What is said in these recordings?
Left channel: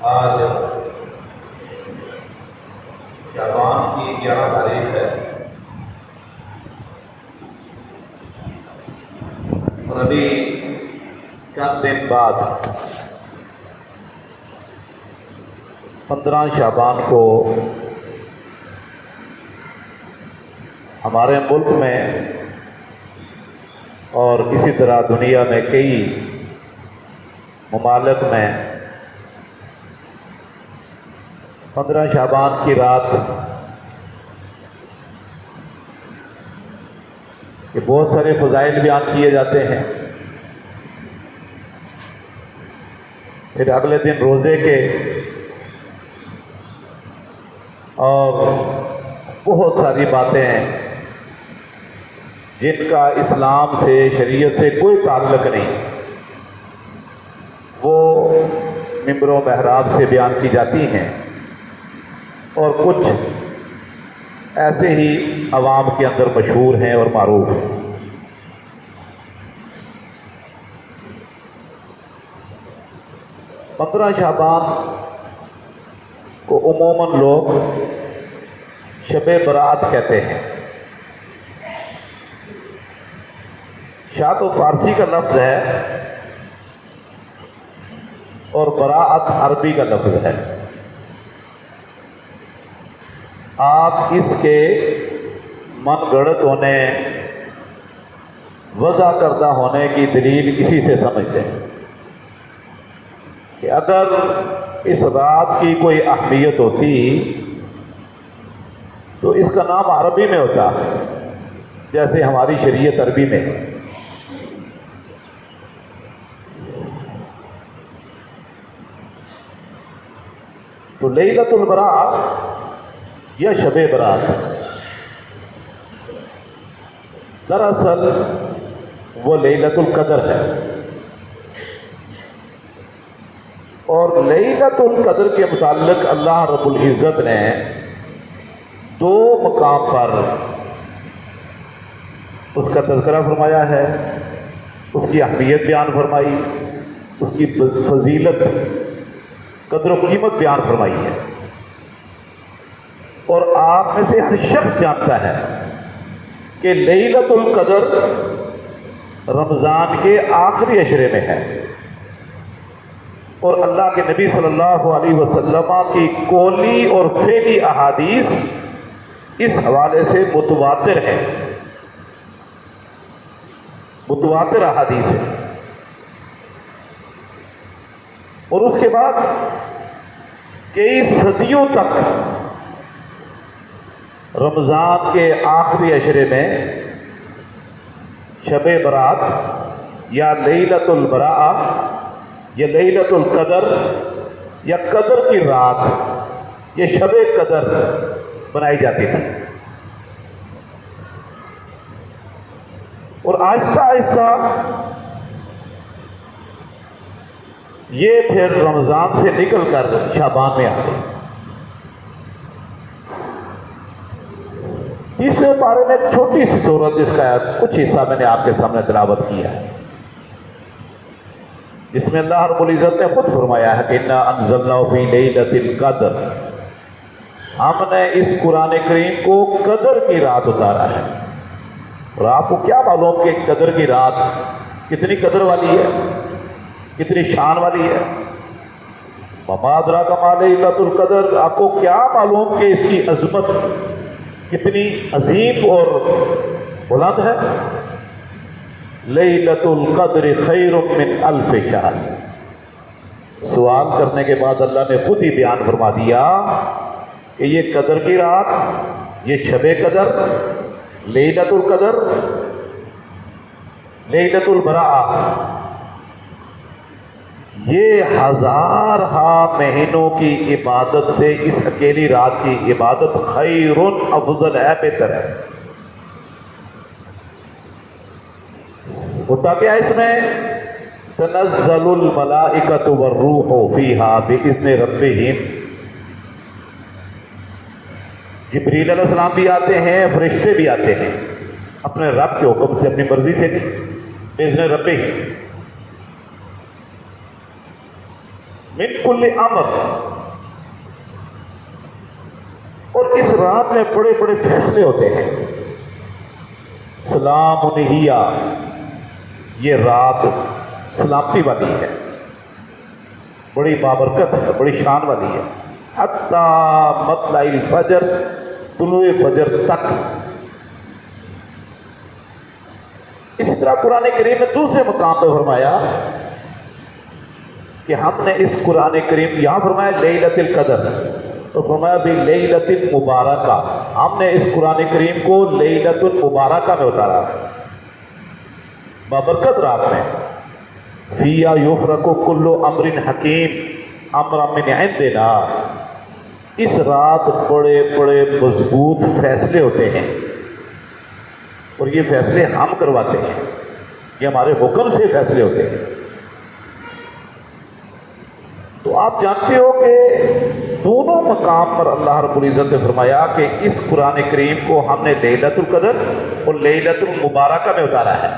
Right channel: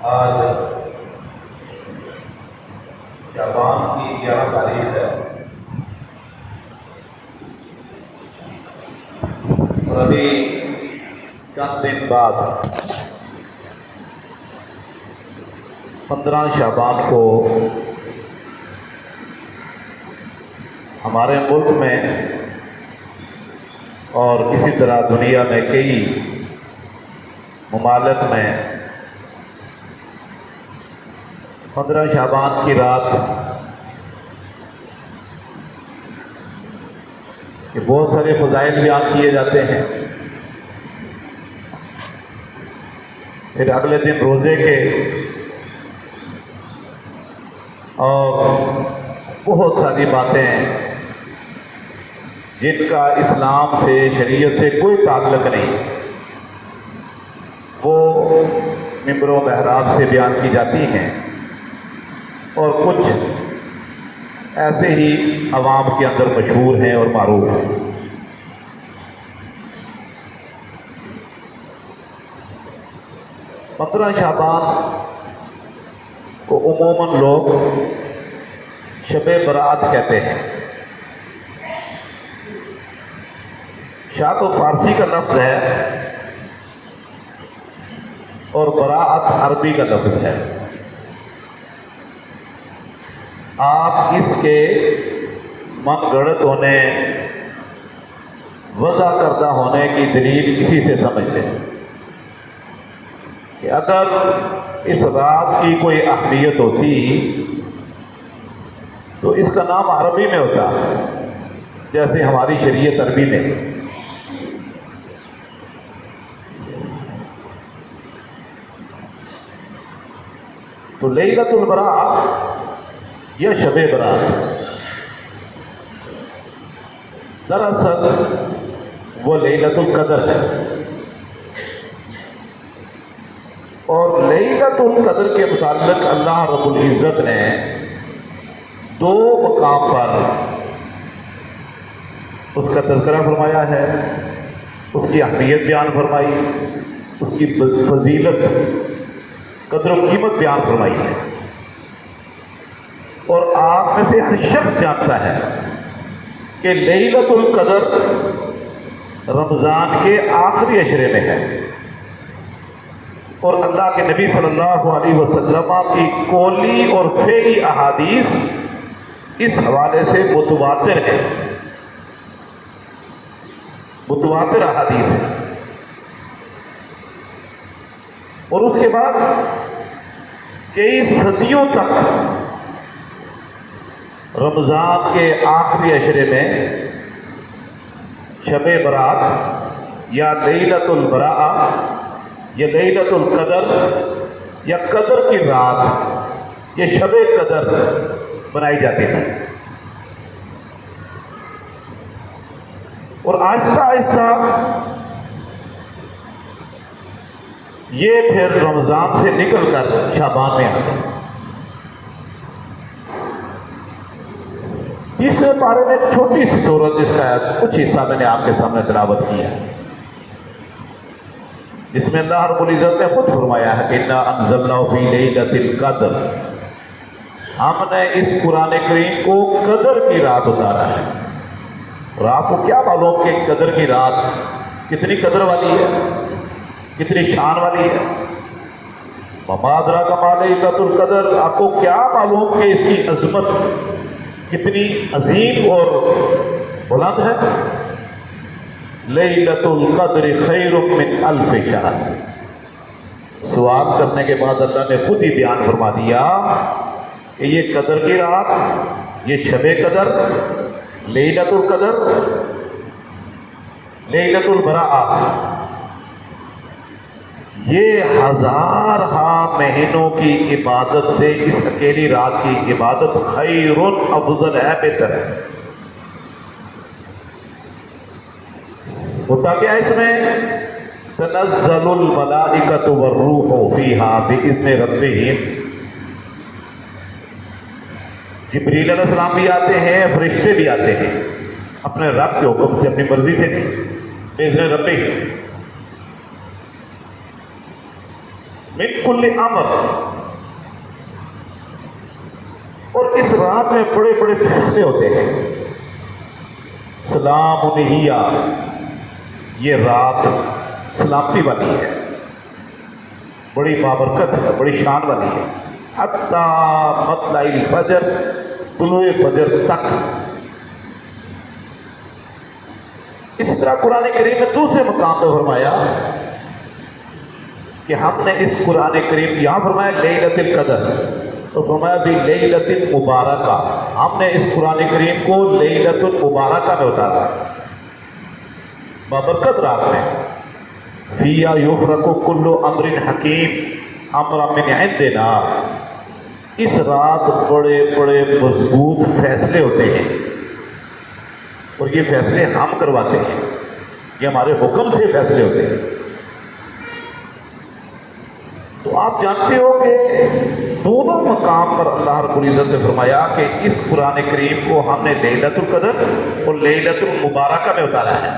آج شعبان کی 11 تاریخ ہے اور ابھی چند دن بعد 15 شعبان کو ہمارے ملک میں اور اسی طرح دنیا میں کئی ممالک میں 15 شعبان کی رات کہ بہت سارے فضائل بیان کیے جاتے ہیں، پھر اگلے دن روزے کے اور بہت ساری باتیں ہیں جن کا اسلام سے، شریعت سے کوئی تعلق نہیں، وہ ممبر و محراب سے بیان کی جاتی ہیں اور کچھ ایسے ہی عوام کے اندر مشہور ہیں اور معروف ہیں۔ پندرہ شعبان کو عموماً لوگ شب برات کہتے ہیں۔ شاہ تو فارسی کا لفظ ہے اور براءت عربی کا لفظ ہے۔ آپ اس کے من گڑت ہونے، وضع کردہ ہونے کی دلیل اسی سے سمجھتے ہیں کہ اگر اس رات کی کوئی اہمیت ہوتی تو اس کا نام عربی میں ہوتا، جیسے ہماری شریعت عربی میں۔ تو لیلۃ البراء یا شب برات دراصل وہ لیلۃ القدر ہے، اور لیلۃ القدر کے متعلق اللہ رب العزت نے 2 مقام پر اس کا تذکرہ فرمایا ہے، اس کی اہمیت بیان فرمائی، اس کی فضیلت، قدر و قیمت بیان فرمائی ہے، اور آپ میں سے ہر شخص جانتا ہے کہ لیلۃ القدر رمضان کے آخری عشرے میں ہے، اور اللہ کے نبی صلی اللہ علیہ وسلم کی قولی اور فعلی احادیث اس حوالے سے متواتر ہے، متواتر احادیث ہے۔ اور اس کے بعد کئی صدیوں تک رمضان کے آخری عشرے میں شب برات یا لیلۃ البراء یا لیلۃ القدر یا قدر کی رات، یہ شب قدر بنائی جاتی تھی، اور آہستہ آہستہ یہ پھر رمضان سے نکل کر شعبان میں آتے ہیں۔ تیسرے پارے میں چھوٹی سی سورت، جس کا کچھ حصہ میں نے آپ کے سامنے تلاوت کیا ہے، جس میں اللہ رب العزت نے خود فرمایا ہے کہ اِنَّا أَنزَلْنَاهُ فِي لَيْلَةِ الْقَدْرِ، ہم نے اس قرآن کریم کو قدر کی رات اتارا ہے۔ اور آپ کو کیا معلوم کہ قدر کی رات کتنی قدر والی ہے، کتنی شان والی ہے؟ وَمَا أَدْرَاكَ مَا لَيْلَةُ الْقَدْرِ، آپ کو کیا معلوم کہ اس کی عظمت کتنی عظیم اور بلند ہے؟ لیلۃ القدر خیر من الف شہر۔ سوال کرنے کے بعد اللہ نے خود ہی بیان فرما دیا کہ یہ قدر کی رات، یہ شب قدر، لیلۃ القدر، لیلۃ البراء، یہ 1000 مہینوں کی عبادت سے اس اکیلی رات کی عبادت خیر افضل ہے، بہتر ہے۔ ہوتا کیا اس میں؟ تنزل الملائکۃ والروح فیہا بإذن ربہم، جبریل علیہ السلام بھی آتے ہیں، فرشتے بھی آتے ہیں، اپنے رب کے حکم سے، اپنی مرضی سے نہیں، بإذن ربہم، من کل امر، اور اس رات میں بڑے بڑے فیصلے ہوتے ہیں. سلام ہی، یہ رات سلامتی والی ہے، بڑی بابرکت ہے، بڑی شان والی ہے. حتی مطلع الفجر، طلوع فجر تک. اس طرح قرآن کریم میں دوسرے مقام پہ فرمایا کہ ہم نے اس قرآن کریم، یہاں فرمایا لیلۃ القدر، تو فرمایا بھی لیلۃ المبارکہ، ہم نے اس قرآن کریم کو لیلۃ المبارکہ میں اتارا، بابرکت رات میں. فیہا یفرق کل امر حکیم امرا من عندنا، اس رات بڑے بڑے مضبوط فیصلے ہوتے ہیں، اور یہ فیصلے ہم کرواتے ہیں، یہ ہمارے حکم سے فیصلے ہوتے ہیں. تو آپ جانتے ہو کہ دونوں مقام پر اللہ رب العزت نے فرمایا کہ اس قرآن کریم کو ہم نے لیلۃ القدر اور لیلۃ المبارکہ میں اتارا ہے.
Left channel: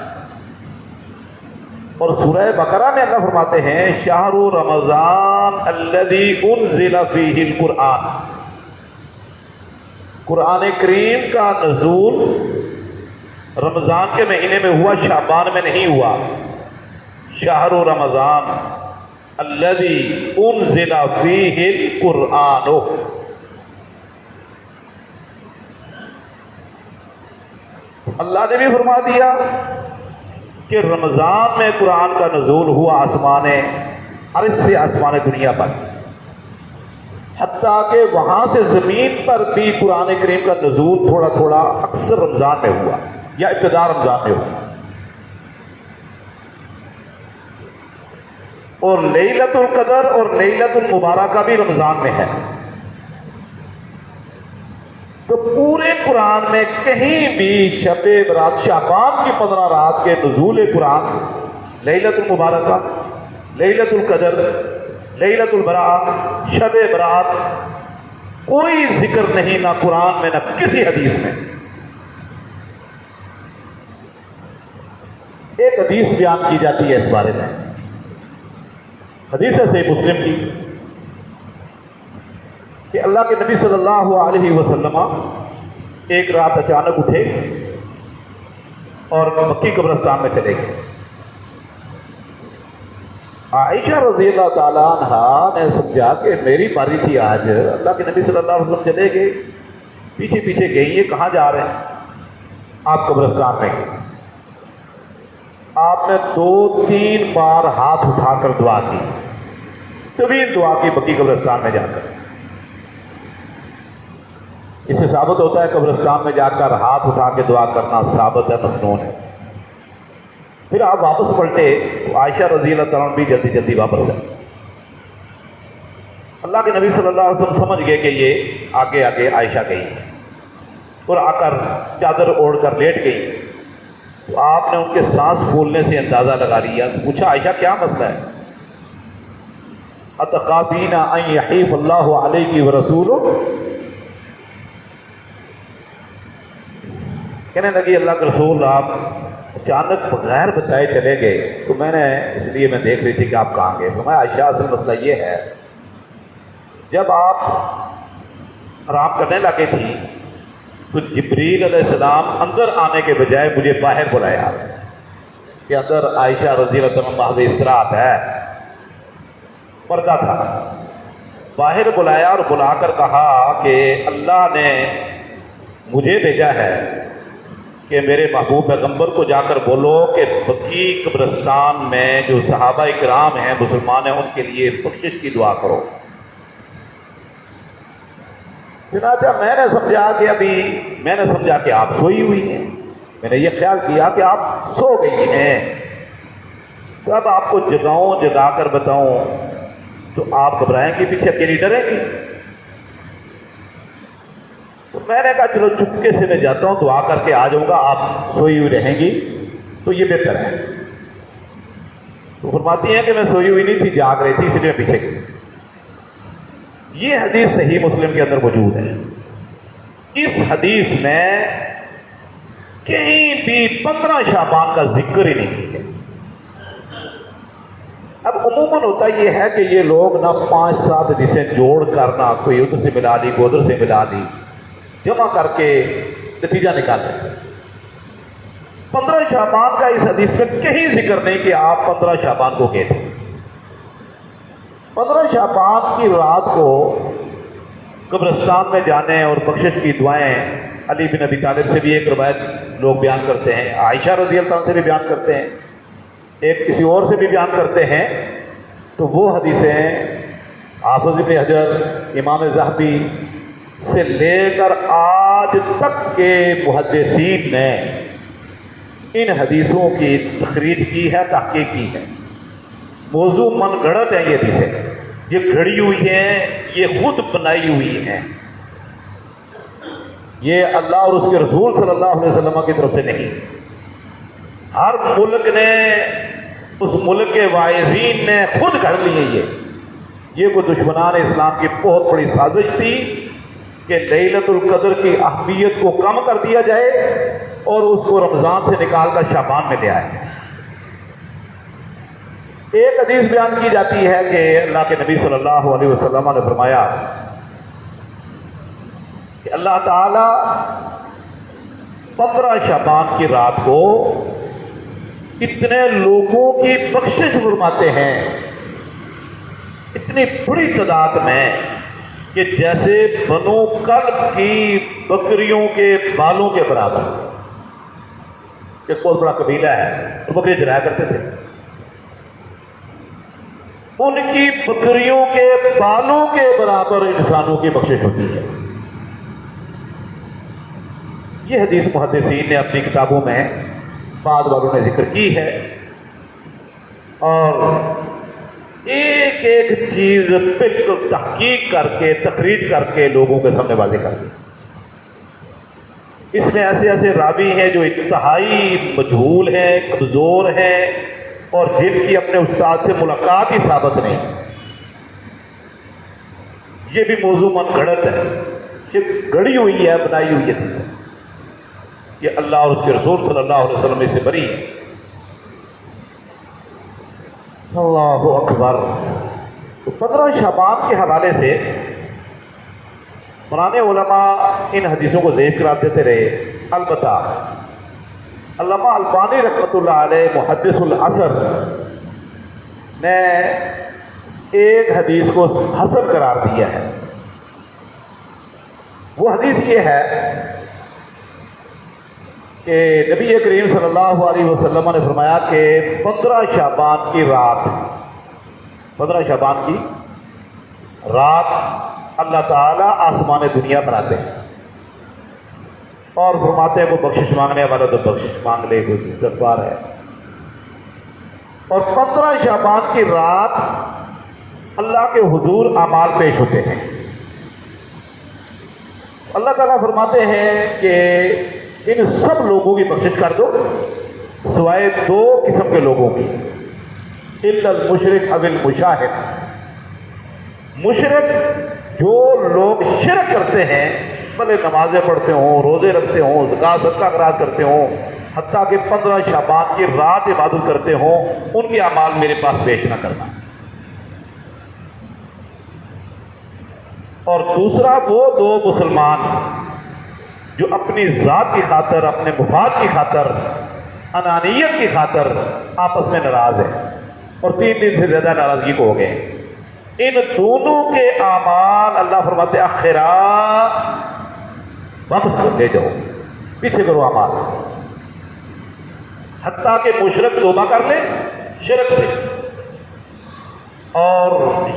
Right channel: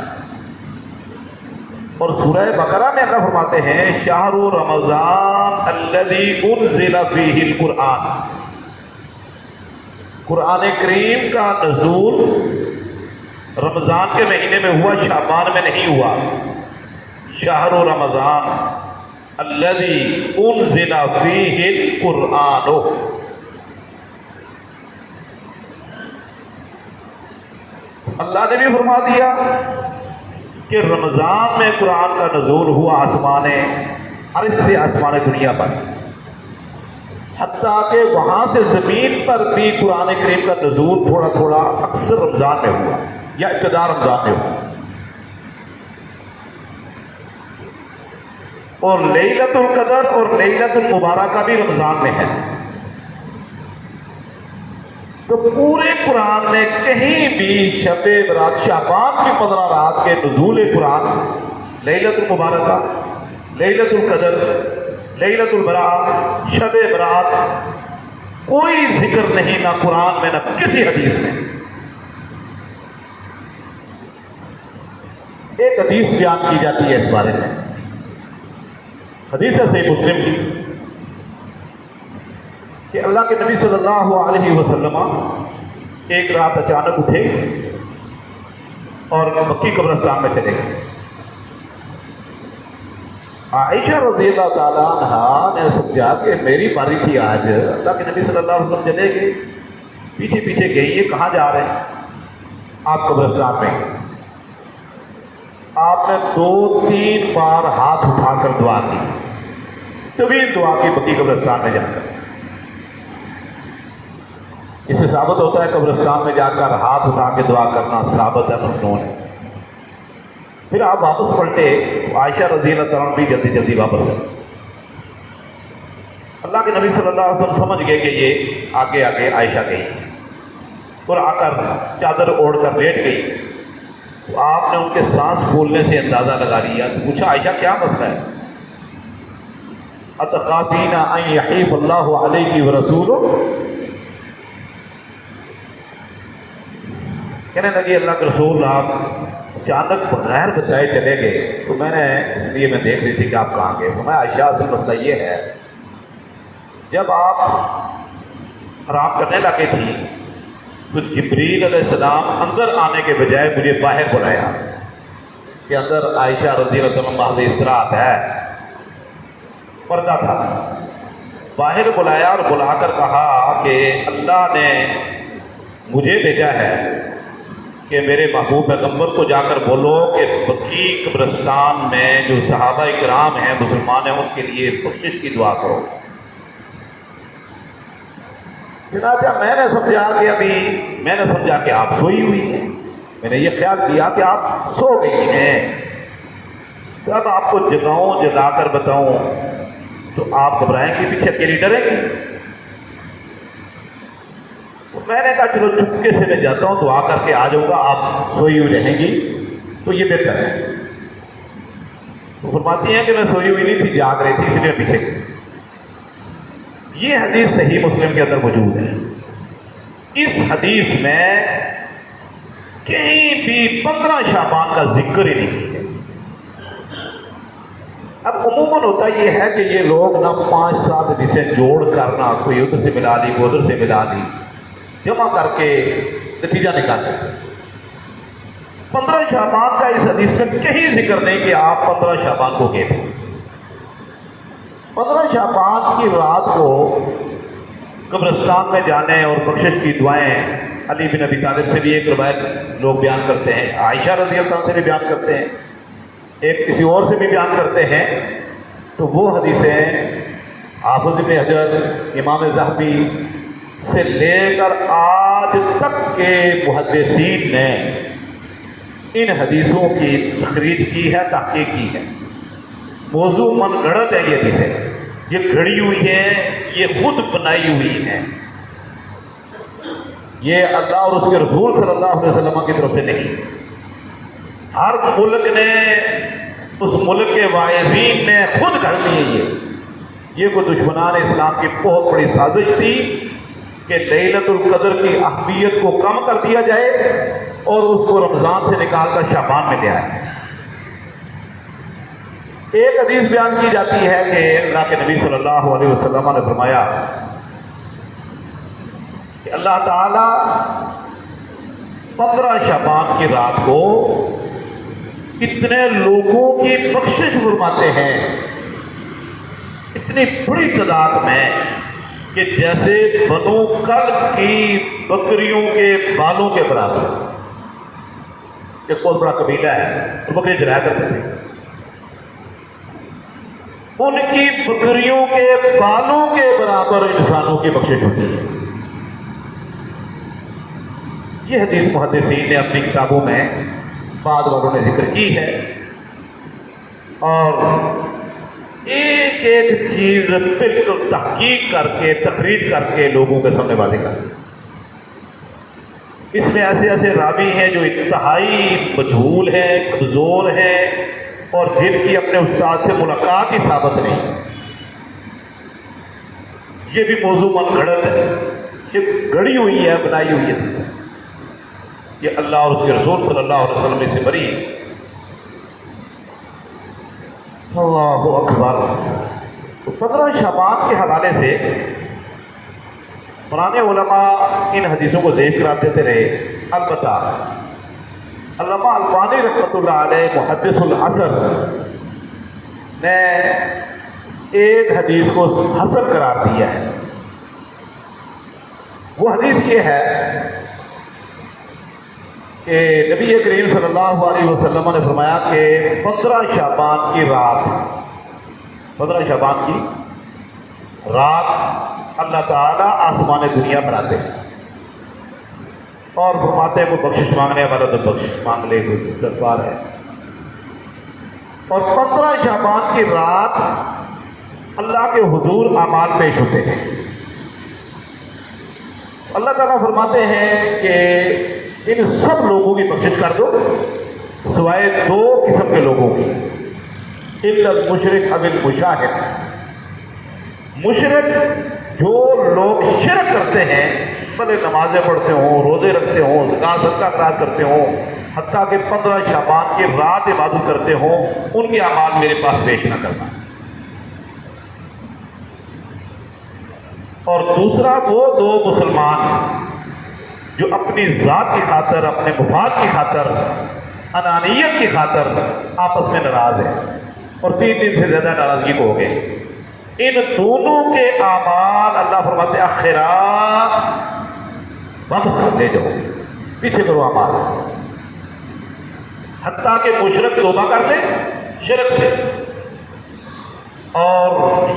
اور سورہ بقرہ میں اللہ فرماتے ہیں شہر رمضان الذی انزل فیہ القرآن، قرآن کریم کا نزول رمضان کے مہینے میں ہوا، شعبان میں نہیں ہوا. شہر رمضان الذی انزل فیہ القرآن، اللہ نے بھی فرما دیا کہ رمضان میں قرآن کا نزول ہوا آسمان عرش سے آسمان دنیا پر، حتیٰ کہ وہاں سے زمین پر بھی قرآن کریم کا نزول تھوڑا تھوڑا اکثر رمضان میں ہوا یا ابتدا رمضان میں ہوا. اور لیلۃ القدر اور لیلۃ المبارکہ بھی رمضان میں ہے. تو پورے قرآن میں کہیں بھی شب برات، شعبان کی 15 رات کے نزول قرآن، لیلۃ المبارکہ، لیلۃ القدر، لیلۃ البراء، شب برات، کوئی ذکر نہیں، نہ قرآن میں نہ کسی حدیث میں. ایک حدیث بیان کی جاتی ہے اس بارے میں، حدیث ہے صحیح مسلم کی، کہ اللہ کے نبی صلی اللہ علیہ وسلم ایک رات اچانک اٹھے اور مکی قبرستان میں چلے گئے. عائشہ رضی اللہ تعالیٰ عنہ نے سمجھا کہ میری باری تھی آج. اللہ کے نبی صلی اللہ علیہ وسلم چلے گئے، پیچھے پیچھے گئی، یہ کہاں جا رہے ہیں؟ آپ قبرستان میں. آپ نے 2-3 بار ہاتھ اٹھا کر دعا کی، طویل دعا کی مکی قبرستان میں جا کر. اس سے ثابت ہوتا ہے قبرستان میں جا کر ہاتھ اٹھا کے دعا کرنا ثابت ہے، مسنون ہے. پھر آپ واپس پلٹے تو عائشہ رضی اللہ تعالیٰ بھی جلدی جلدی واپس ہے. اللہ کے نبی صلی اللہ علیہ وسلم سمجھ گئے کہ یہ آگے آگے عائشہ گئی، اور آ کر چادر اوڑھ کر لیٹ گئی. تو آپ نے ان کے سانس پھولنے سے اندازہ لگا لیا. پوچھا عائشہ کیا مسئلہ ہے؟ اتخافین ان یحیف اللہ علیک ورسولہ، کہنے لگی اللہ کے رسول آپ اچانک بغیر بتائے چلے گئے، تو میں نے اس لیے میں دیکھ رہی تھی کہ آپ کہاں گئے. تو میں عائشہ اصل مسئلہ یہ ہے، جب آپ آرام کرنے لگے تھی تو جبریل علیہ السلام اندر آنے کے بجائے مجھے باہر بلایا کہ اندر عائشہ رضی اللہ عنہا محض استراحت ہے، پردہ تھا. باہر بلایا اور بلا کر کہا کہ اللہ نے مجھے بھیجا ہے کہ میرے محبوب پیغمبر کو جا کر بولو کہ بقیع قبرستان میں جو صحابہ کرام ہیں، مسلمان ہیں، ان کے لیے بخشش کی دعا کرو. چنانچہ میں نے سمجھا کہ آپ سوئی ہوئی ہیں. میں نے یہ خیال کیا کہ آپ سو گئی ہیں. تو اب آپ کو جگاؤں، جگا کر بتاؤں تو آپ گھبرائیں گی، پیچھے اکیلی ڈریں گی. تو میں نے کہا چلو چپکے سے میں جاتا ہوں، دعا کر کے آ جاؤں گا، آپ سوئی ہوئی رہیں گی تو یہ بہتر ہے. تو فرماتی ہیں کہ میں سوئی ہوئی نہیں تھی، جاگ رہی تھی، اس لیے پیچھے گئی. یہ حدیث صحیح مسلم کے اندر موجود ہے. اس حدیث میں کہیں بھی 15 شعبان کا ذکر ہی نہیں ہے. اب عموماً ہوتا یہ ہے کہ یہ لوگ نہ 5-7 حدیثیں جوڑ کر نہ کوئی ادھر سے ملا لی کوئی ادھر سے ملا لی جمع کر کے نتیجہ نکالتے ہیں۔ 15 شعبان کا اس حدیث میں کہیں ذکر نہیں کہ آپ 15 شعبان کو گئے تھے۔ 15 شعبان کی رات کو قبرستان میں جانے اور بخشش کی دعائیں علی بن ابی طالب سے بھی ایک روایت لوگ بیان کرتے ہیں، عائشہ رضی اللہ عنہ سے بھی بیان کرتے ہیں، ایک کسی اور سے بھی بیان کرتے ہیں۔ تو وہ حدیثیں حافظ ابن حجر، امام ذہبی سے لے کر آج تک کے محدثین نے ان حدیثوں کی تخریج کی ہے، تحقیق کی ہے۔ موضوع من گھڑت ہے یہ حدیثیں، یہ گھڑی ہوئی ہیں، یہ خود بنائی ہوئی ہیں، یہ اللہ اور اس کے رسول صلی اللہ علیہ وسلم کی طرف سے نہیں۔ ہر ملک نے، اس ملک کے واعظین نے خود گھڑ لیے۔ یہ کوئی دشمنان اسلام کی بہت بڑی سازش تھی کہ لیلۃ القدر کی اہمیت کو کم کر دیا جائے اور اس کو رمضان سے نکال کر شعبان میں لے آئے۔ ایک حدیث بیان کی جاتی ہے کہ اللہ کے نبی صلی اللہ علیہ وسلم نے فرمایا کہ اللہ تعالی 15 شعبان کی رات کو اتنے لوگوں کی بخشش فرماتے ہیں، اتنی بڑی تعداد میں کہ جیسے بنو کلب کی بکریوں کے بالوں کے برابر۔ ایک بہت بڑا قبیلہ ہے، تو بکریاں چرایا کرتے تھے، ان کی بکریوں کے بالوں کے برابر انسانوں کی بخشش ہوتی ہے۔ یہ حدیث محدثین نے اپنی کتابوں میں بعض والوں نے ذکر کی ہے، اور ایک ایک چیز بالکل تحقیق کر کے تقریر کر کے لوگوں کے سامنے واضح کر دی۔ اس میں ایسے ایسے راوی ہیں جو انتہائی مجہول ہیں، کمزور ہیں، اور جن کی اپنے استاد سے ملاقات ہی ثابت نہیں۔ یہ بھی موضوع من گھڑت ہے، یہ گڑی ہوئی ہے، بنائی ہوئی ہے۔ یہ اللہ اور اس کے رسول صلی اللہ علیہ وسلم سے بری ہے۔ اللہ اکبر۔ 15 شعبان کے حوالے سے پرانے علماء ان حدیثوں کو ضعیف قرار دیتے رہے، البتہ علامہ البانی رحمۃ اللہ علیہ محدث العصر نے ایک حدیث کو حسن قرار دیا ہے۔ وہ حدیث یہ ہے کہ نبی کریم صلی اللہ علیہ وسلم نے فرمایا کہ 15 شعبان کی رات، 15 شعبان کی رات اللہ تعالیٰ آسمان دنیا بناتے ہیں اور فرماتے ہیں کوئی بخشش مانگنے والا تو بخشش مانگ لے، کوئی استغفار ہے۔ اور 15 شعبان کی رات اللہ کے حضور اعمال پیش ہوتے ہیں۔ اللہ تعالیٰ فرماتے ہیں کہ ان سب لوگوں کی بخشش کر دو سوائے 2 قسم کے لوگوں کی، الا المشرک او المشاہد۔ مشرک جو لوگ شرک کرتے ہیں، بھلے نمازیں پڑھتے ہوں، روزے رکھتے ہوں، زکوٰۃ صدقہ خیرات کرتے ہوں، حتیٰ کہ 15 شعبان کی رات عبادت کرتے ہوں، ان کے اعمال میرے پاس پیش نہ کرنا۔ اور دوسرا وہ 2 مسلمان جو اپنی ذات کی خاطر، اپنے مفاد کی خاطر، انانیت کی خاطر آپس میں ناراض ہیں اور 3 دن سے زیادہ ناراضگی کو ہو گئے، ان دونوں کے اعمال اللہ فرماتے ہیں آخرات واپس لے جاؤ، پیچھے کرو اعمال، حتیٰ کہ مشرک توبہ کر لے شرک سے، اور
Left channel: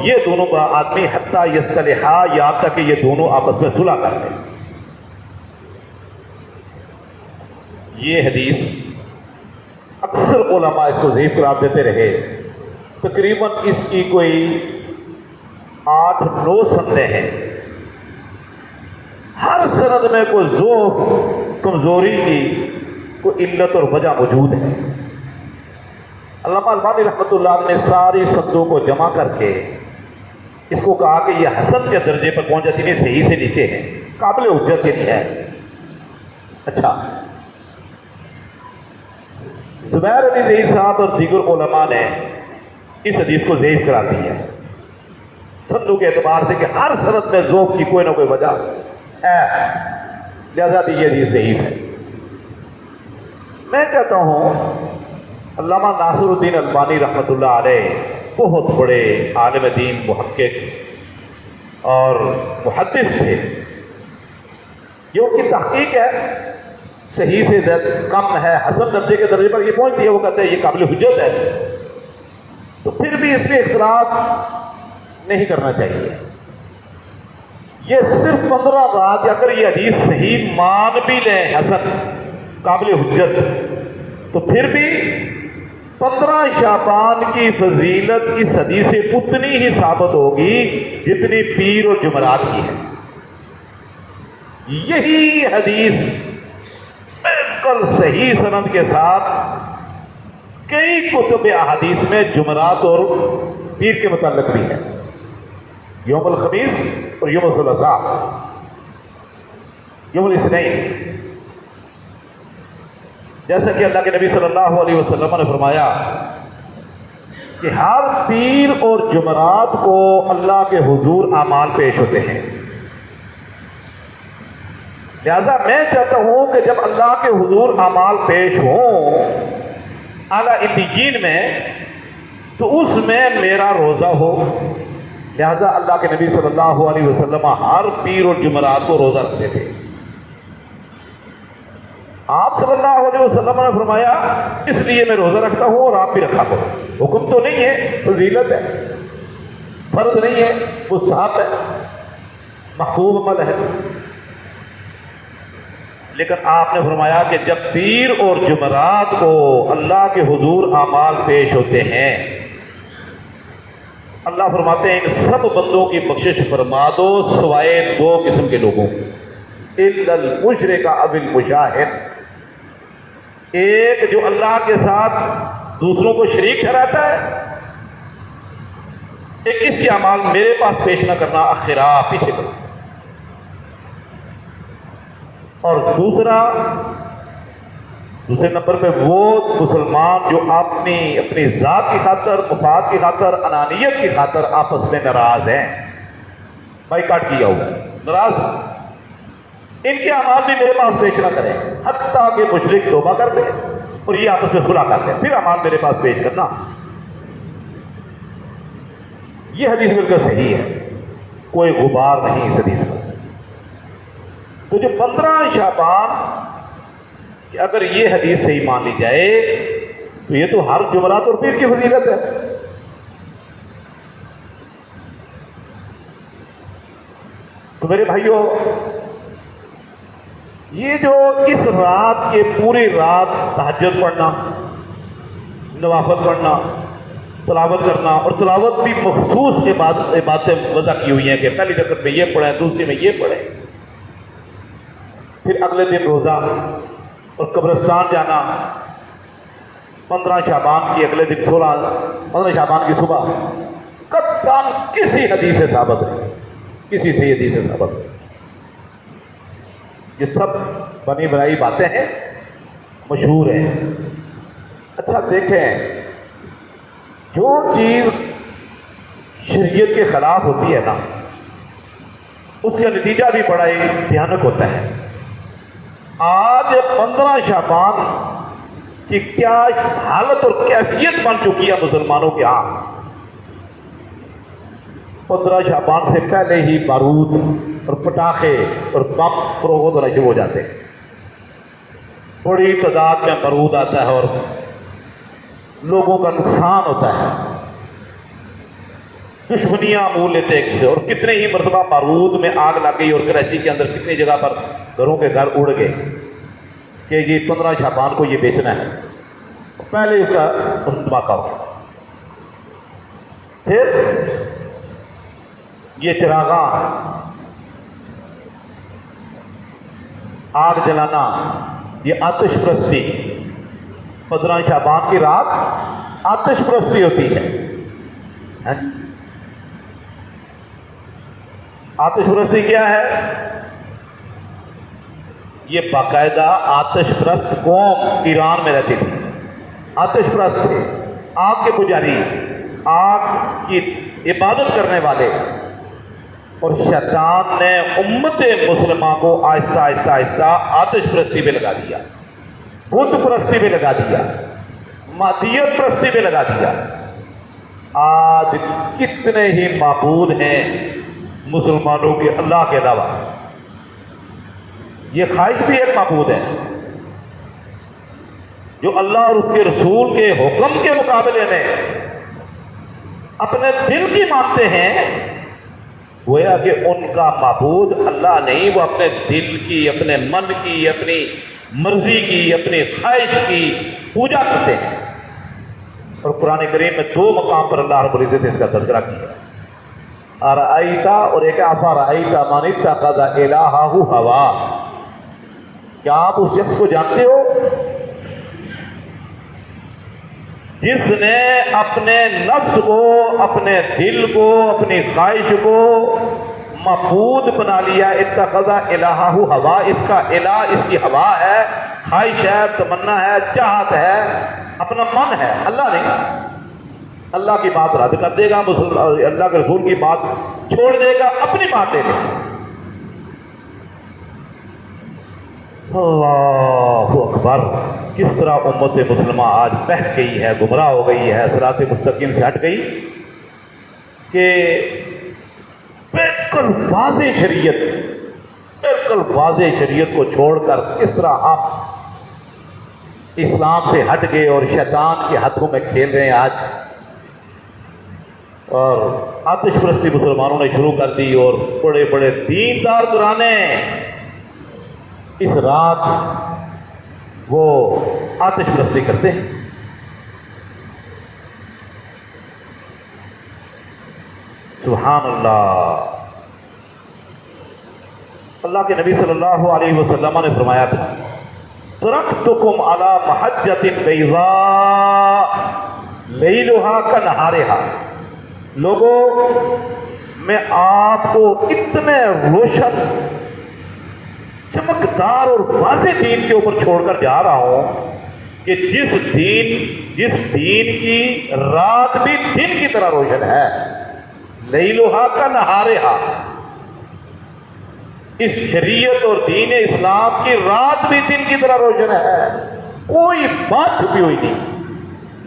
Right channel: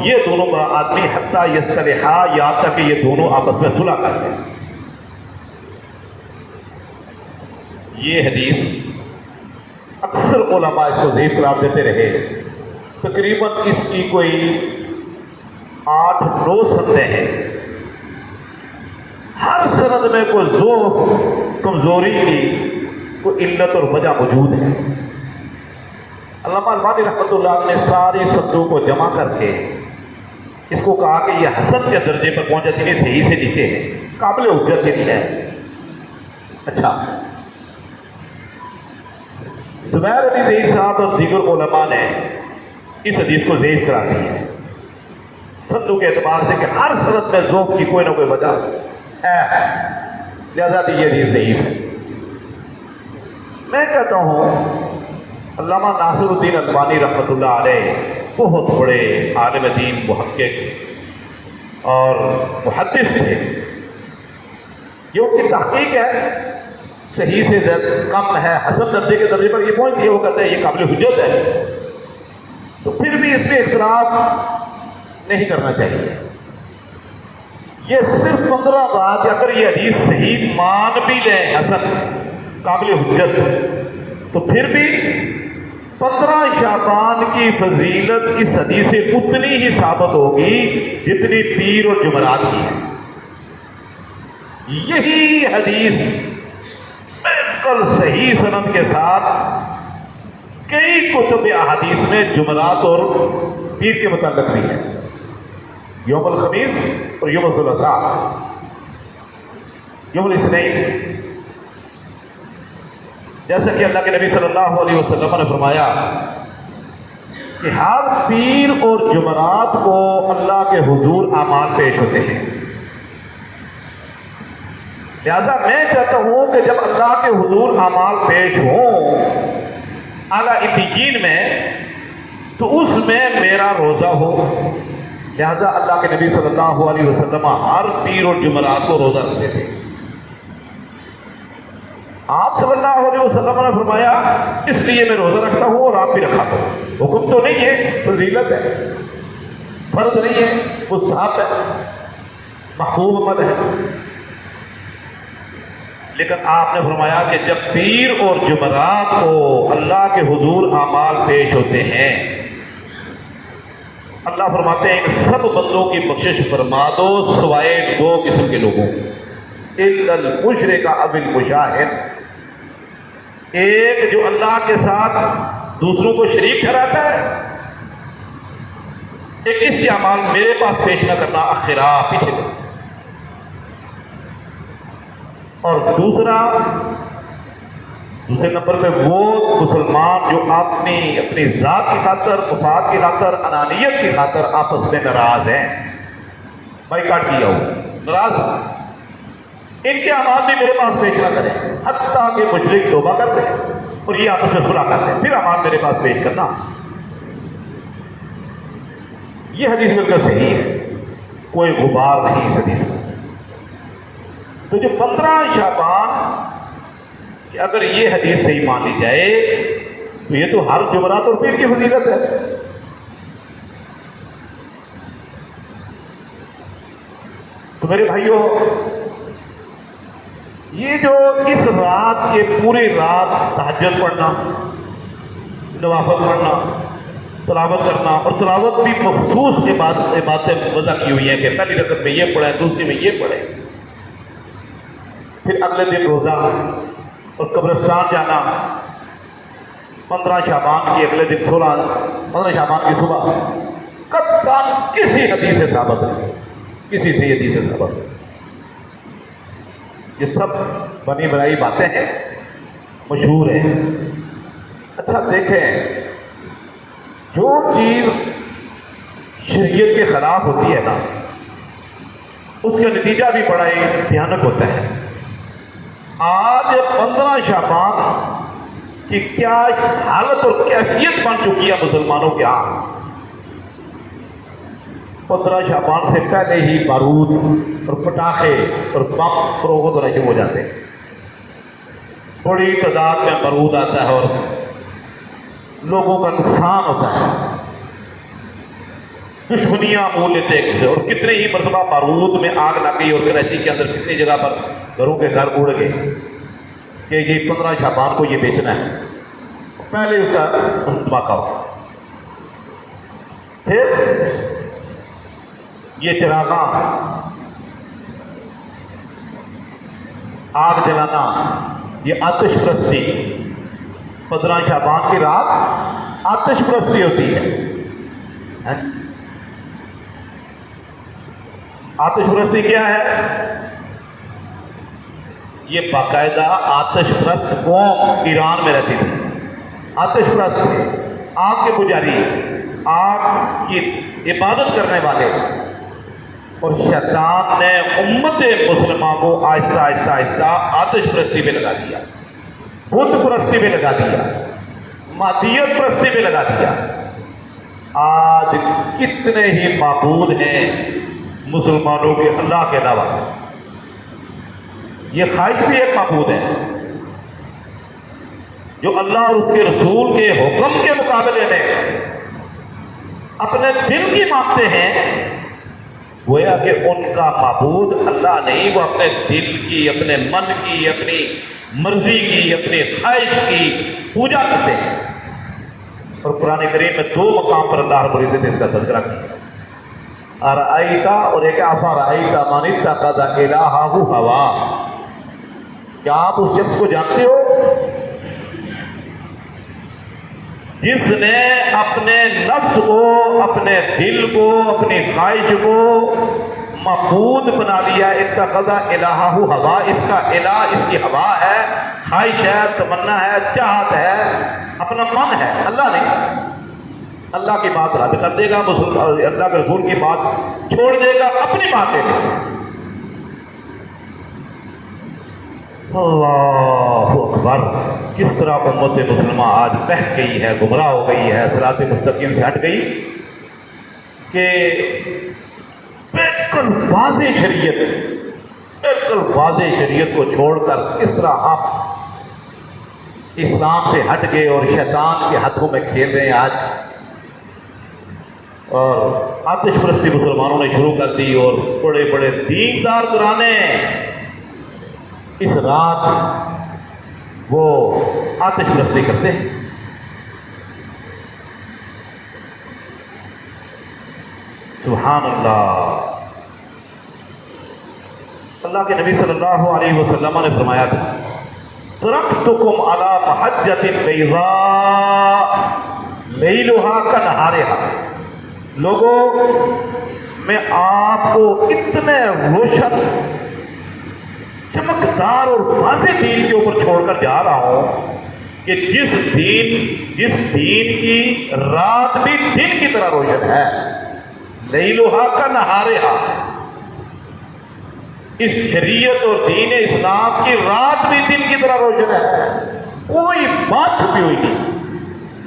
یہ دونوں کا آدمی حتیٰ یصطلحا، یہاں تک کہ یہ دونوں آپس میں صلح کر لیں۔ یہ حدیث اکثر علماء اس کو ضعیف قرار دیتے رہے، تقریباً اس کی کوئی 8-9 سندیں ہیں، ہر سند میں کوئی ضعف، کمزوری کی کوئی علت اور وجہ موجود ہے۔ علامہ البانی رحمۃ اللہ علیہ نے ساری سندوں کو جمع کر کے اس کو کہا کہ یہ حسن کے درجے پر پہنچ جاتی ہے، صحیح سے نیچے ہے، قابل حجت نہیں ہے۔ اچھا، زبیر علی زئی صاحب اور دیگر علماء نے اس حدیث کو ضعیف کراتی ہے سندوں کے اعتبار سے کہ ہر صورت میں ذوق کی کوئی نہ کوئی وجہ ہے، لہذا بھی یہ حدیث ضعیف ہے۔ میں کہتا ہوں علامہ ناصر الدین البانی رحمۃ اللہ علیہ بہت بڑے عالم دین، محقق اور محدث تھے۔ یہ ان کی تحقیق ہے، صحیح سے کم ہے، حسن درجے کے درجے پر یہ پہنچتی ہے، وہ کہتے ہیں یہ قابل حجت ہے، تو پھر بھی اس میں اختلاف نہیں کرنا چاہیے۔ یہ صرف 15 رات، اگر یہ حدیث صحیح مان بھی لیں حسن قابل حجت، تو پھر بھی 15 شعبان کی فضیلت اس حدیث سے اتنی ہی ثابت ہوگی جتنی پیر اور جمعرات کی ہے۔ یہی حدیث بالکل صحیح سند کے ساتھ کئی کتب احادیث میں جمعرات اور پیر کے متعلق بھی ہے، یوم الخمیس اور یوم الثلاثاء، یوم الاثنین۔ جیسا کہ اللہ کے نبی صلی اللہ علیہ وسلم نے فرمایا کہ ہر پیر اور جمعرات کو اللہ کے حضور اعمال پیش ہوتے ہیں، لہذا میں چاہتا ہوں کہ جب اللہ کے حضور اعمال پیش ہوں اعلیٰ علیین میں، تو اس میں میرا روزہ ہو۔ لہذا اللہ کے نبی صلی اللہ علیہ وسلم ہر پیر اور جمعرات کو روزہ رکھتے تھے۔ آپ صلی اللہ علیہ وسلم نے فرمایا اس لیے میں روزہ رکھتا ہوں اور آپ بھی رکھا کرو۔ حکم تو نہیں ہے، فضیلت ہے، فرض نہیں ہے، مستحب ہے، محبوب عمل ہے، لیکن آپ نے فرمایا کہ جب پیر اور جمعرات کو اللہ کے حضور اعمال پیش ہوتے ہیں، اللہ فرماتے ہیں کہ سب بندوں کی بخشش فرما دو سوائے 2 قسم کے لوگوں، ایک المشرک اب المشاہد، ایک جو اللہ کے ساتھ دوسروں کو شریک ٹھہراتا ہے، ایک اس کے اعمال میرے پاس پیش نہ کرنا، اخرا پیچھے کرنا، اور دوسرے نمبر پہ وہ مسلمان جو اپنی ذات کی خاطر، مفاد کی خاطر، انانیت کی خاطر آپس میں ناراض ہیں، بائیکاٹ کیا ہوا ناراض، ان کے اعمال بھی میرے پاس پیش نہ کریں، حتیٰ کہ مشرک توبہ کر دیں اور یہ آپس میں صلح کر دیں، پھر اعمال میرے پاس پیش کرنا۔ یہ حدیث بالکل صحیح ہے، کوئی غبار نہیں اس حدیث میں۔ تو جو 15 شعبان، اگر یہ حدیث صحیح مان لی جائے تو یہ تو ہر جمعرات اور پیر کی فضیلت ہے۔ تو میرے بھائیوں، یہ جو اس رات، یہ پوری رات تہجد پڑھنا، نوافل پڑھنا، تلاوت کرنا، اور تلاوت بھی مخصوص باتیں وضع کی ہوئی ہیں کہ پہلی رکعت میں یہ پڑھیں، دوسری میں یہ پڑھیں، پھر اگلے دن روزہ اور قبرستان جانا، 15 شعبان کی اگلے دن 15 شعبان کی صبح، قطعاً کسی حدیث سے ثابت ہے، کسی سے حدیث سے ثابت ہے۔ یہ سب بنی بنائی باتیں ہیں، مشہور ہیں۔ اچھا دیکھیں، جو چیز شریعت کے خلاف ہوتی ہے نا، اس کا نتیجہ بھی بڑا ہی بھیانک ہوتا ہے۔ آج 15 شعبان کی کیا حالت اور کیفیت بن چکی ہے مسلمانوں کے ہاں۔ 15 شعبان سے پہلے ہی بارود اور پٹاخے اور بم فروخت ہونا شروع ہو جاتے ہیں، بڑی تعداد میں بارود آتا ہے اور لوگوں کا نقصان ہوتا ہے، دشمنیاں مول لیتے ایک دوسرے، اور کتنے ہی مرتبہ بارود میں آگ لگ گئی، اور کراچی کے اندر کتنی جگہ پر گھروں کے گھر اڑ گئے کہ یہ 15 شعبان کو یہ بیچنا ہے، پہلے اس کا دھماکہ ہو۔ پھر یہ چراغاں، آگ جلانا، یہ آتش پرستی، 15 شعبان کی رات آتش پرستی ہوتی ہے۔ آتش پرستی کیا ہے؟ یہ باقاعدہ آتش پرست قوم ایران میں رہتی تھی، آتش پرست، آگ کے پجاری، آگ کی عبادت کرنے والے، اور شیطان نے امت مسلمہ کو آہستہ آہستہ آہستہ آتش پرستی پہ لگا دیا، بت پرستی پہ لگا دیا، مادیت پرستی پہ لگا دیا۔ آج کتنے ہی معبود ہیں مسلمانوں کے اللہ کے علاوہ۔ یہ خواہش بھی ایک معبود ہے جو اللہ اور اس کے رسول کے حکم کے مقابلے میں اپنے دل کی مانتے ہیں، گویا کہ ان کا معبود اللہ نہیں، وہ اپنے دل کی، اپنے من کی، اپنی مرضی کی، اپنی خواہش کی پوجا کرتے ہیں۔ اور قرآن کریم میں 2 مقام پر اللہ رب العزت نے اس کا تذکرہ کیا، ارأیتا اور ایک افرأیتا من اتخذ الہہ ہوا۔ کیا آپ اس شخص کو جانتے ہو جس نے اپنے نفس کو، اپنے دل کو، اپنی خواہش کو معبود بنا لیا؟ اتخذ الہہ ہوا، اس کا الہ اس کی ہوا ہے، خواہش ہے، تمنا ہے، چاہت ہے، اپنا من ہے، اللہ نہیں۔ اللہ کی بات رد کر دے گا، اللہ کے رسول کی بات چھوڑ دے گا، اپنی باتیں اللہ اکبر۔ کس طرح امت مسلمہ آج بہک گئی ہے، گمراہ ہو گئی ہے، صراط مستقیم سے ہٹ گئی کہ بالکل واضح شریعت، بالکل واضح شریعت کو چھوڑ کر کس طرح آپ اسلام سے ہٹ گئے اور شیطان کے ہاتھوں میں کھیل رہے ہیں آج۔ اور آتش پرستی مسلمانوں نے شروع کر دی، اور بڑے بڑے دیندار گھرانے اس رات وہ آتش پرستی کرتے ہیں۔ سبحان اللہ۔ اللہ کے نبی صلی اللہ علیہ وسلم نے فرمایا تھا، ترکتکم علی محجۃ بیضاء لیلھا کنہارھا۔ لوگوں، میں آپ کو اتنے روشن، چمکدار اور واضح دین کے اوپر چھوڑ کر جا رہا ہوں کہ جس دین کی رات بھی دن کی طرح روشن ہے، لیلھا کنہارھا۔ اس شریعت اور دین اسلام کی رات بھی دن کی طرح روشن ہے، کوئی بات چھپی ہوئی نہیں۔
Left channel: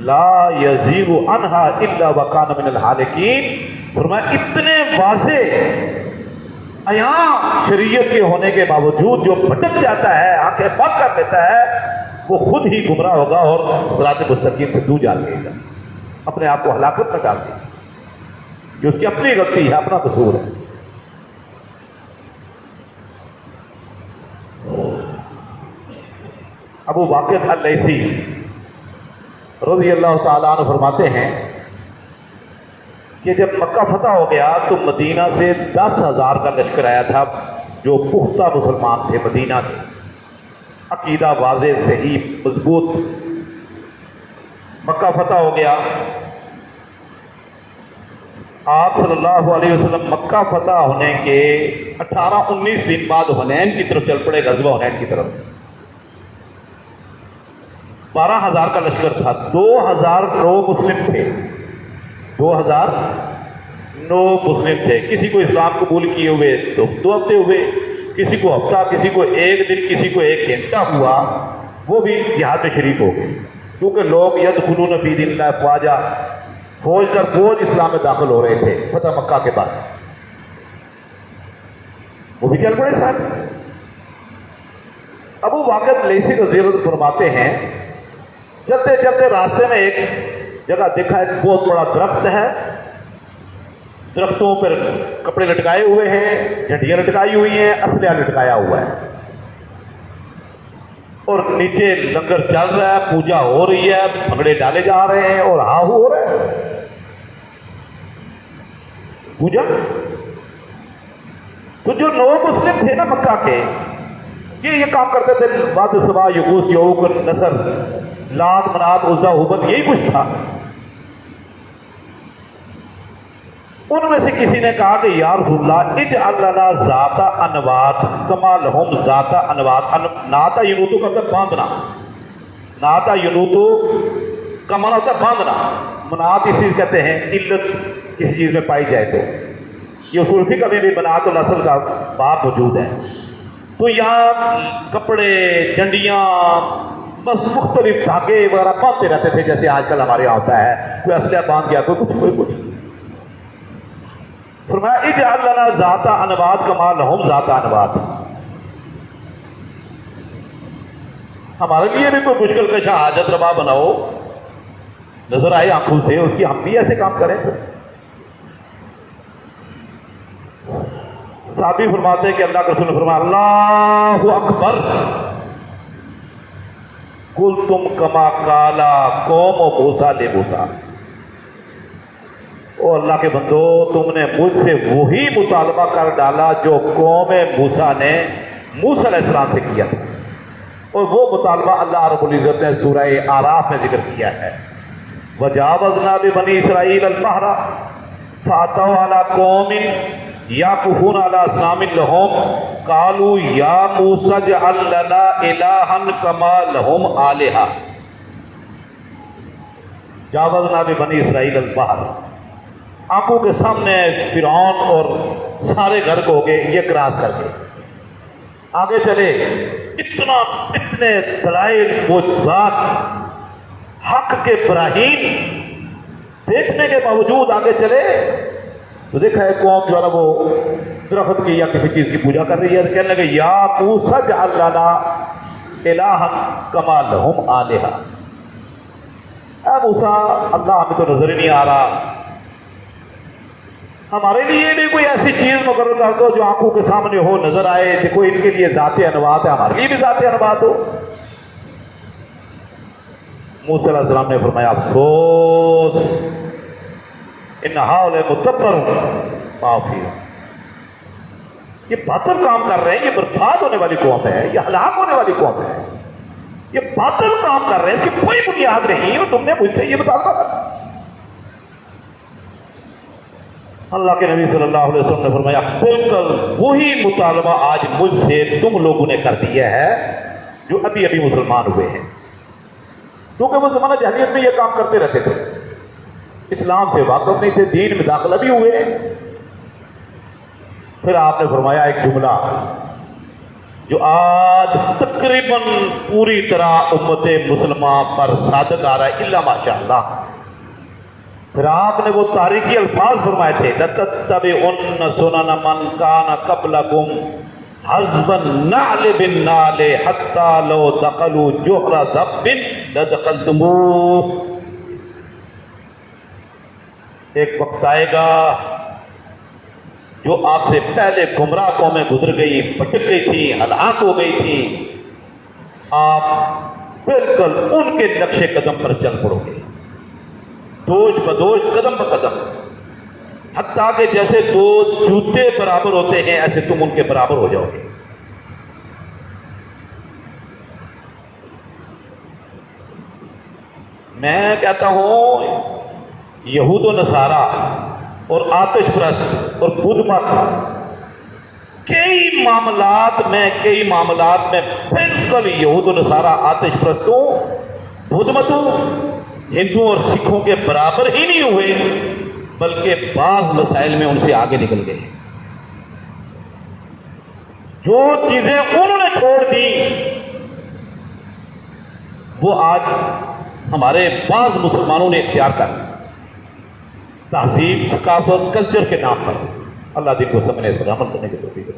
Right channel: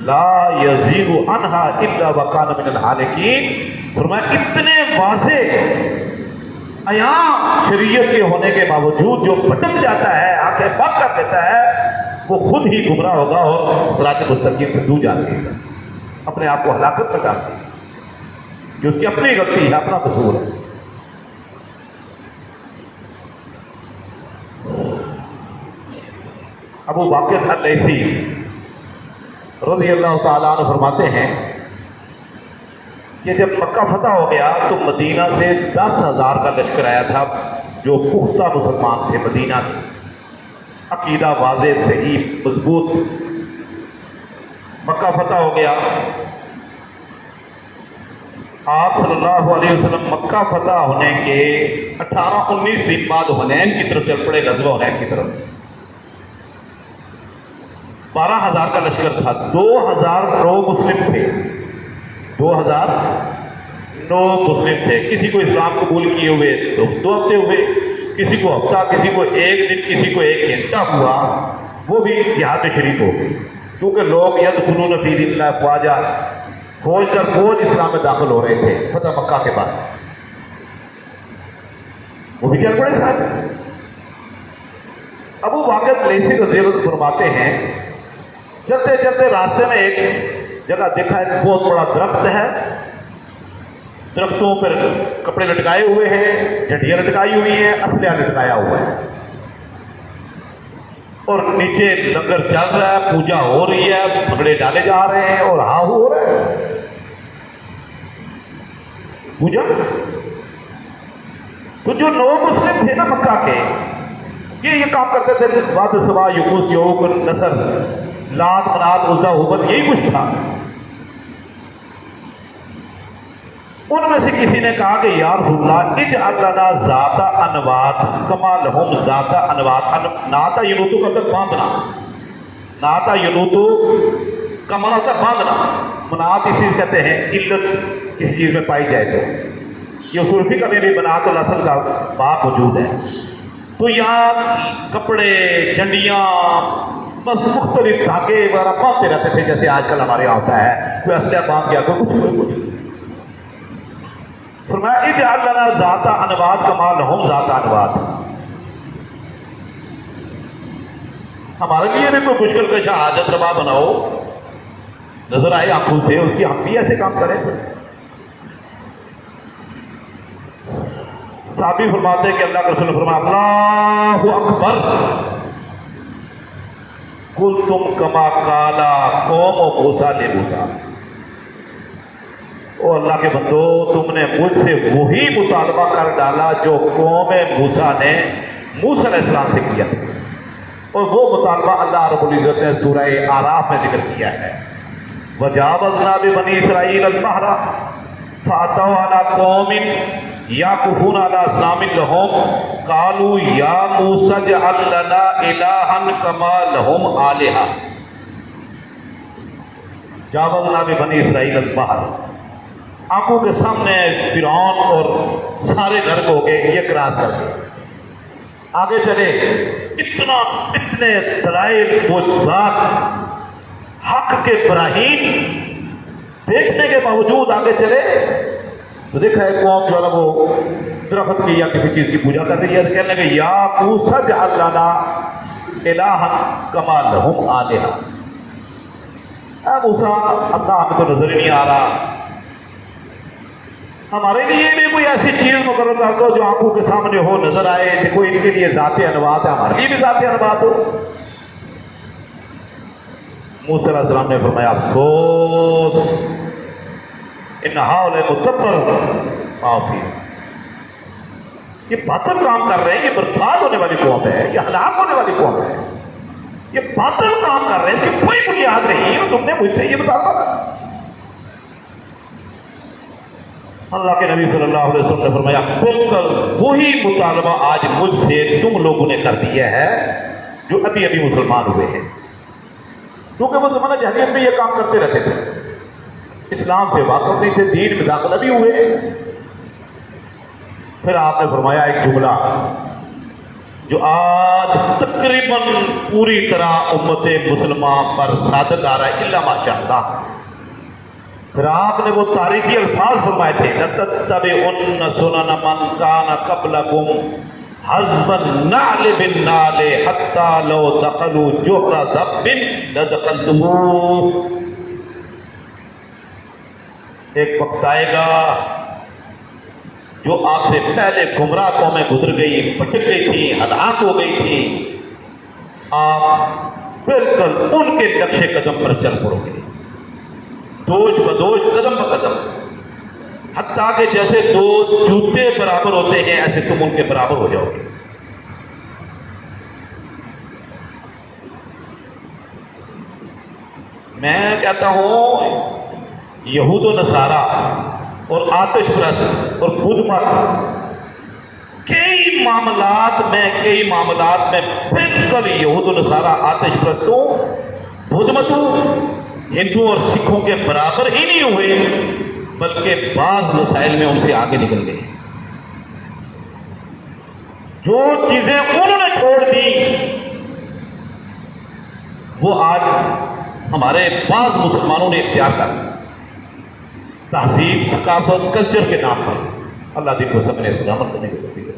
لا یزیغ عنہا الا وکان من الہالکین۔ فرمایا اتنے واضح عیاں شریعت کے ہونے کے باوجود جو بھٹک جاتا ہے، آنکھیں بند کر دیتا ہے، وہ خود ہی گمراہ ہوگا اور صراط مستقیم سے دور جا لے گا، اپنے آپ کو ہلاکت میں ڈال دے گا، جو اس کی اپنی غلطی ہے، اپنا قصور ہے۔ ابو واقد اللیثی رضی اللہ تعالیٰ عنہ فرماتے ہیں کہ جب مکہ فتح ہو گیا تو مدینہ سے 10,000 کا لشکر آیا تھا، جو پختہ مسلمان تھے، مدینہ کے، عقیدہ واضح، صحیح، مضبوط۔ مکہ فتح ہو گیا، آپ صلی اللہ علیہ وسلم مکہ فتح ہونے کے 18-19 دن بعد حنین کی طرف چل پڑے، غزوہ حنین کی طرف۔ 12,000 کا لشکر تھا، 2,000 نو مسلم تھے، 2,009 مسلم تھے۔ کسی کو اسلام قبول کیے ہوئے 2 ہفتے ہوئے، کسی کو ہفتہ، کسی کو 1 دن، کسی کو 1 گھنٹہ ہوا، وہ بھی جہاد میں شریک ہو گئے، کیونکہ لوگ یدخلون فی دین اللہ افواجا، فوج در فوج اسلام میں داخل ہو رہے تھے فتح مکہ کے بعد، وہ بھی چل پڑے ساتھ۔ ابو واقد لیثی رضی اللہ عنہ فرماتے ہیں، چلتے چلتے راستے میں ایک جگہ دیکھا، ایک بہت بڑا درخت ہے، درختوں پر کپڑے لٹکائے ہوئے ہیں، جھنڈیاں لٹکائی ہوئی ہیں، اسلحہ لٹکایا ہوا ہے، اور نیچے لنگر چل رہا ہے، پوجا ہو رہی ہے، بھنگڑے ڈالے جا رہے ہیں اور ہاہو ہو رہا ہے پوجا۔ تو جو لوگ مسلم تھے نا مکہ کے، یہ کام کرتے تھے، واد سوا یغوث یعوق نصر، لات منات عزا ہبل، یہی کچھ تھا۔ ان میں سے کسی نے کہا کہ یا رسول اللہ اجعل لنا ذات انوات کما لہم ذات انوات۔ ناتا ینوتو کا مطلب باندھنا، ناتا ینوتو کا معنی ہوتا ہے باندھنا، مناعت اسی کہتے ہیں علت کسی چیز میں پائی جائے تو یہ اصول فقہ میں بھی مناعت الاصل کا باب موجود ہے. تو یہاں کپڑے ڈنڈیاں بس مختلف دھاگے وغیرہ باندھتے رہتے تھے جیسے آج کل ہمارے یہاں ہوتا ہے کوئی اسلحہ باندھ گیا کوئی کچھ. فرمایا اجعل لنا ذات انواد کما لہم ذات انواد. ہمارے لیے بھی کوئی مشکل کشا حاجت روا بناؤ نظر آئے آنکھوں سے اس کی ہم بھی ایسے کام کریں. صحابی فرماتے ہیں کہ اللہ کے رسول نے فرمایا اللہ اکبر کل تم کما کالا قوم و موسیٰ لے موسیٰ. او اللہ کے بندو تم نے مجھ سے وہی مطالبہ کر ڈالا جو قوم موسیٰ نے موسیٰ علیہ السلام سے کیا اور وہ مطالبہ اللہ رب العزت نے سورہ اعراف میں ذکر کیا ہے. وجاوزنا ببنی اسرائیل البحر فاتوا علی قوم یعکفون علی اصنام لہم قالوا یا موسیٰ اجعل لنا الہا کما لہم آلہہ. جاوزنا ببنی اسرائیل البحر آنکھوں کے سامنے فرعون اور سارے گھر کو ہو گئے یہ کراس کر کے آگے چلے. اتنے دلائل معجزات حق کے براہین دیکھنے کے باوجود آگے چلے تو دیکھا ہے قوم جو ہے وہ درخت کی یا کسی چیز کی پوجا کر رہی ہے. کہنے لگے یا موسیٰ اجعل لنا الہا کما لہم آلہہ. اے موسیٰ اللہ ہمیں تو نظر ہی نہیں آ رہا ہمارے لیے بھی کوئی ایسی چیز مقرر کر دو جو آنکھوں کے سامنے ہو نظر آئے کہ کوئی ان کے لیے ذات انواد ہے ہمارے لیے بھی ذات انواد ہو. موسیٰ علیہ السلام نے فرمایا افسوس ان ہؤلاء متبر ما فیہم. یہ باطل کام کر رہے ہیں یہ برباد ہونے والی قوم ہے یہ ہلاک ہونے والی قوم ہے یہ باطل کام کر رہے ہیں اس کی کوئی بنیاد نہیں. تم نے مجھ سے یہ بتایا اللہ کے نبی صلی اللہ علیہ وسلم نے فرمایا بالکل وہی مطالبہ آج مجھ سے تم لوگوں نے کر دیا ہے جو ابھی ابھی مسلمان ہوئے ہیں. کیونکہ وہ زمانہ جاہلیت میں یہ کام کرتے رہتے تھے اسلام سے واقف نہیں تھے دین میں داخلہ بھی ہوئے. پھر آپ نے فرمایا ایک جملہ جو آج تقریباً پوری طرح امت مسلمہ پر صادق آ رہا ہے الا ماشاءاللہ. پھر آپ نے وہ تاریخی الفاظ فرمائے تھے لَتَتَّبِعُنَّ سُنَنَ مَنْ كَانَ قَبْلَكُمْ حَذْفَ النَّعْلِ بِالنَّعْلِ حَتَّى لَوْ دَخَلُوا جُحْرَ ذَبٍّ لَدَخَلْتُمُوهُ. ایک وقت آئے گا جو آپ سے پہلے گمراہ قومیں گزر گئی بھٹک گئی تھی ہلاک ہو گئی تھی آپ بالکل ان کے نقش قدم پر چل پڑو گے دوج بدوج قدم بقدم حتیٰ کہ جیسے دو جوتے برابر ہوتے ہیں ایسے تم ان کے برابر ہو جاؤ گے. میں کہتا ہوں یہود و نصارہ اور آتش پرست اور بدھ مت کئی معاملات میں بالکل یہود و نصارہ آتش پرستوں بدھ متوں ہندوؤں اور سکھوں کے برابر ہی نہیں ہوئے بلکہ بعض مسائل میں ان سے آگے نکل گئے. جو چیزیں انہوں نے چھوڑ دی وہ آج ہمارے بعض مسلمانوں نے اختیار کر تہذیب ثقافت کلچر کے نام پر. اللہ دین کو سب نے استعمال کرنے کی توفیق دے.